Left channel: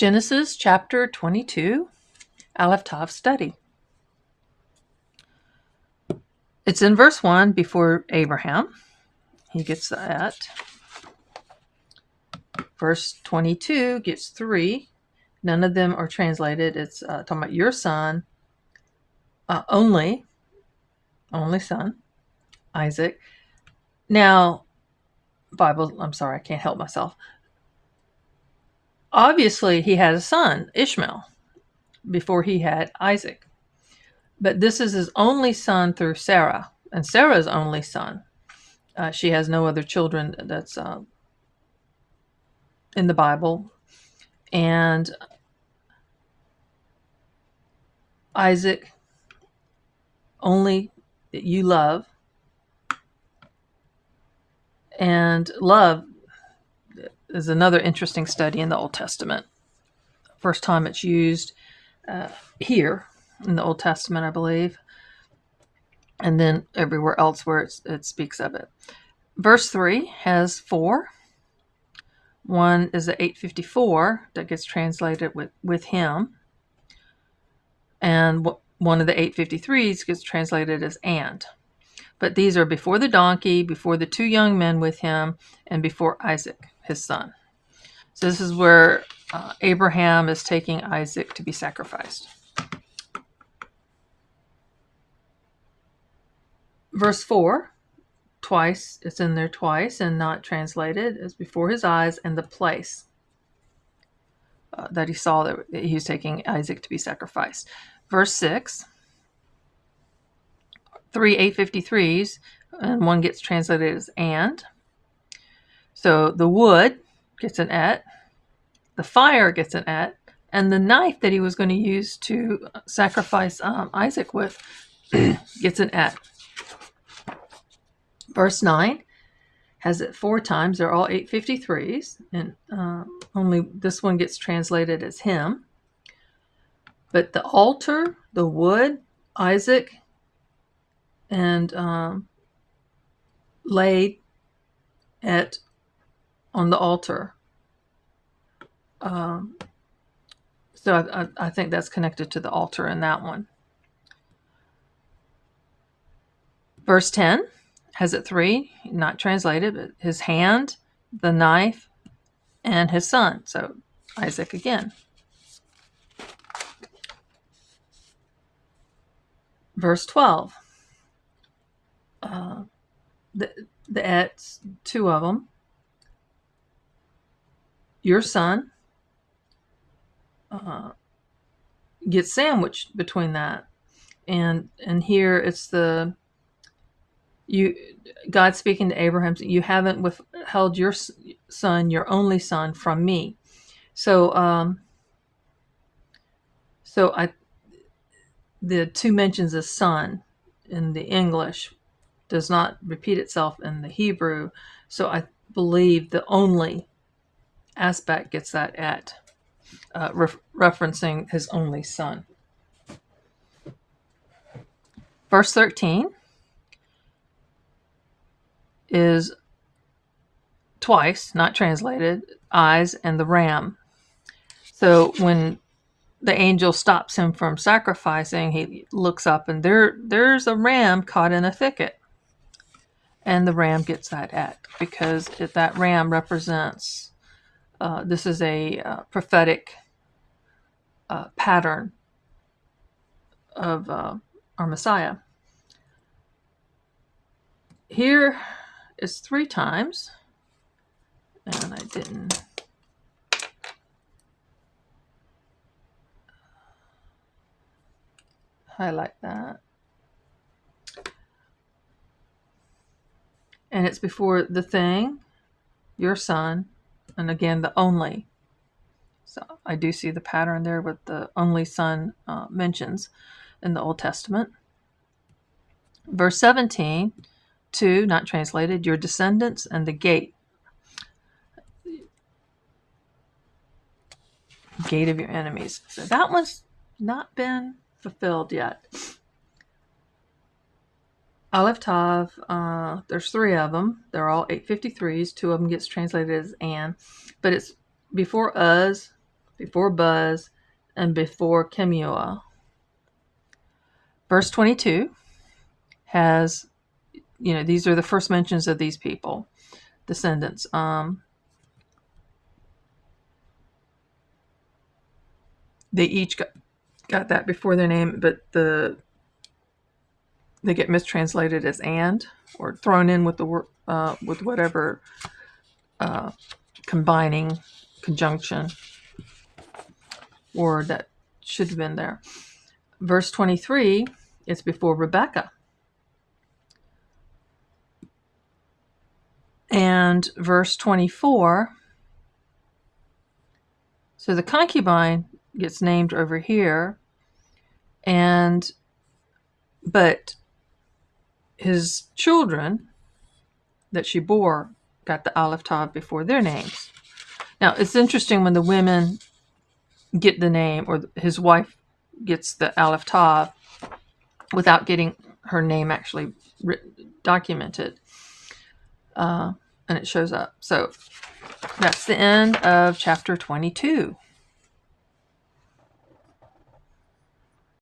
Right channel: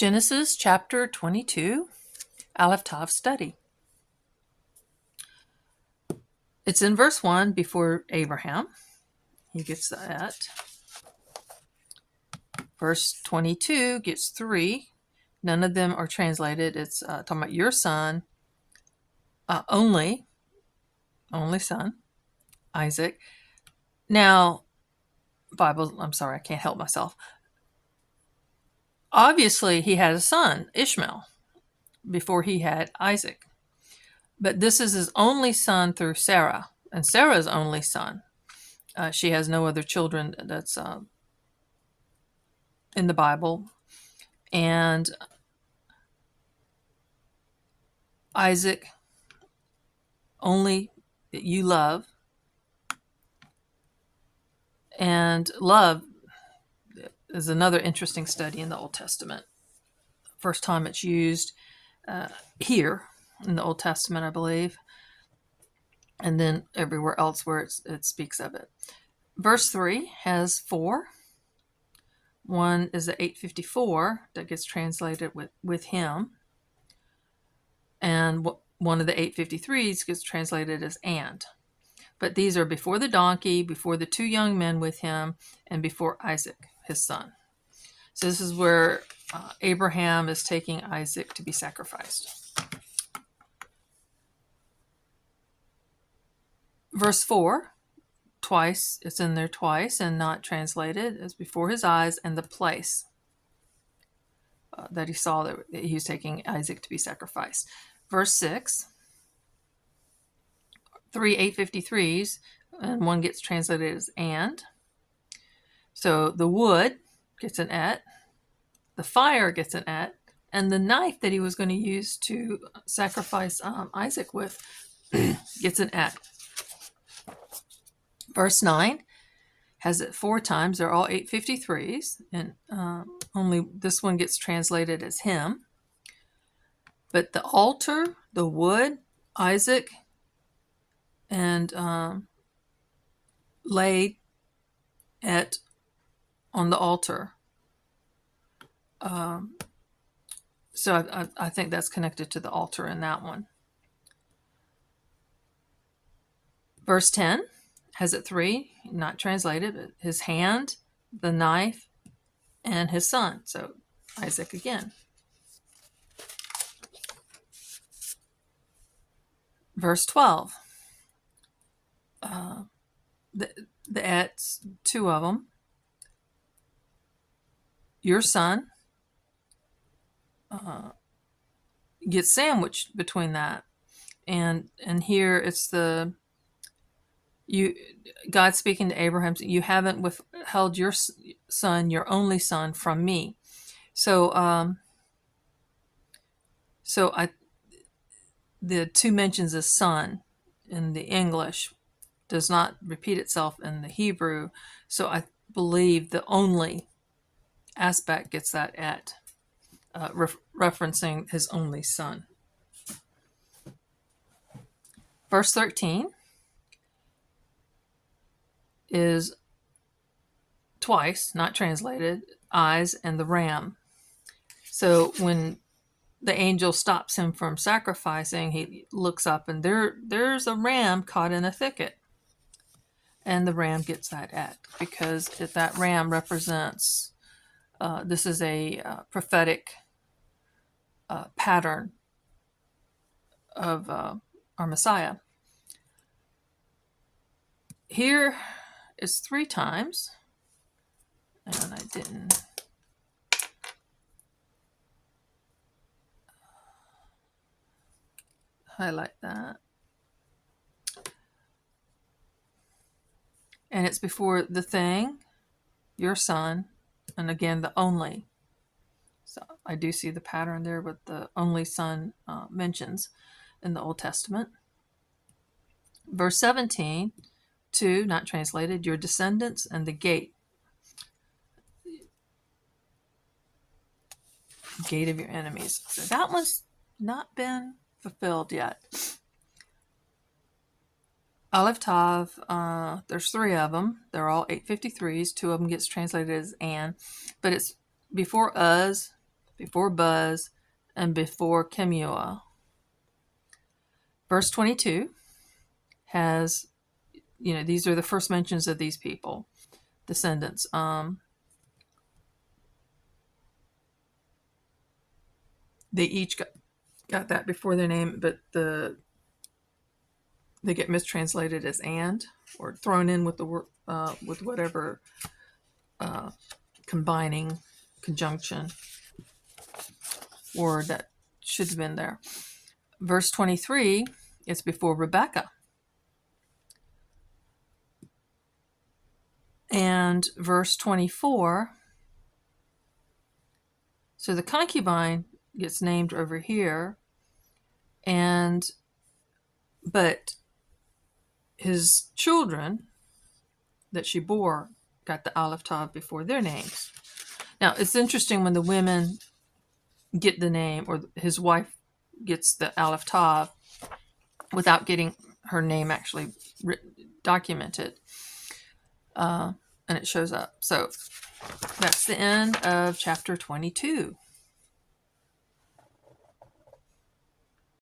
Genesis chapter 22, Aleph Tav study. It's in verse 1 before Abraham. He gets that. Verse 22 gets 3. None of them are translated. It's talking about your son, only son, Isaac. Now, Bible, I'm sorry, I can't help myself. Obviously, he had a son, Ishmael, before he had Isaac. But this is his only son through Sarah, and Sarah's only son. She has no other children that's in the Bible. And Isaac, only that you love. And love is another interesting study in the Old Testament. First time it's used here in the Old Testament, I believe. And then everywhere else where it speaks of it. Verse 3 has 4. One is the 854 that gets translated with him. And one of the 853s gets translated as and. But these are before the donkey, before the 2 young men with him, and before Isaac, his son. So this is where Abraham is taking Isaac to be sacrificed. Verse 4, twice, it's in there twice and not translated, is before his eyes and the place that he saw that he was taking Isaac to be sacrificed. Verse 6, 3 853s, and one gets translated as and. So the wood gets an et, the fire gets an et, and the knife that he was going to use to sacrifice Isaac with gets an et. Verse 9 has it 4 times. They're all 853s, and only this one gets translated as him. But the altar, the wood, Isaac, and laid it on the altar. So I think that's connected to the altar in that one. Verse 10 has it 3, not translated, but his hand, the knife, and his son. So Isaac again. Verse 12. The ets, 2 of them. Your son gets sandwiched between that. And here it's God speaking to Abraham, you haven't withheld your son, your only son, from me. So the 2 mentions of son in the English does not repeat itself in the Hebrew. So I believe the only aspect gets that at, referencing his only son. Verse 13 is twice, not translated, eyes and the ram. So when the angel stops him from sacrificing, he looks up and there's a ram caught in a thicket. And the ram gets that at, because that ram represents, this is a prophetic pattern of our Messiah. Here is 3 times, and I didn't highlight that. And it's before the thing, your son, and again the only. So I do see the pattern there with the only son mentions in the Old Testament. Verse 17, 2, not translated, your descendants and the gate. Gate of your enemies. So that one's not been fulfilled yet. Aleph Tav, there's 3 of them. They're all 853s. 2 of them gets translated as and, but it's before us, before Buz, and before Kemuel. Verse 22 has, these are the first mentions of these people, descendants. They each got that before their name, but they get mistranslated as "and" or thrown in with the with whatever combining conjunction word that should have been there. Verse 23 is before Rebecca. And verse 24, so the concubine gets named over here, but his children that she bore got the Aleph Tav before their names. Now, it's interesting when the women get the name, or his wife gets the Aleph Tav without getting her name actually documented. And it shows up. So that's the end of chapter 22.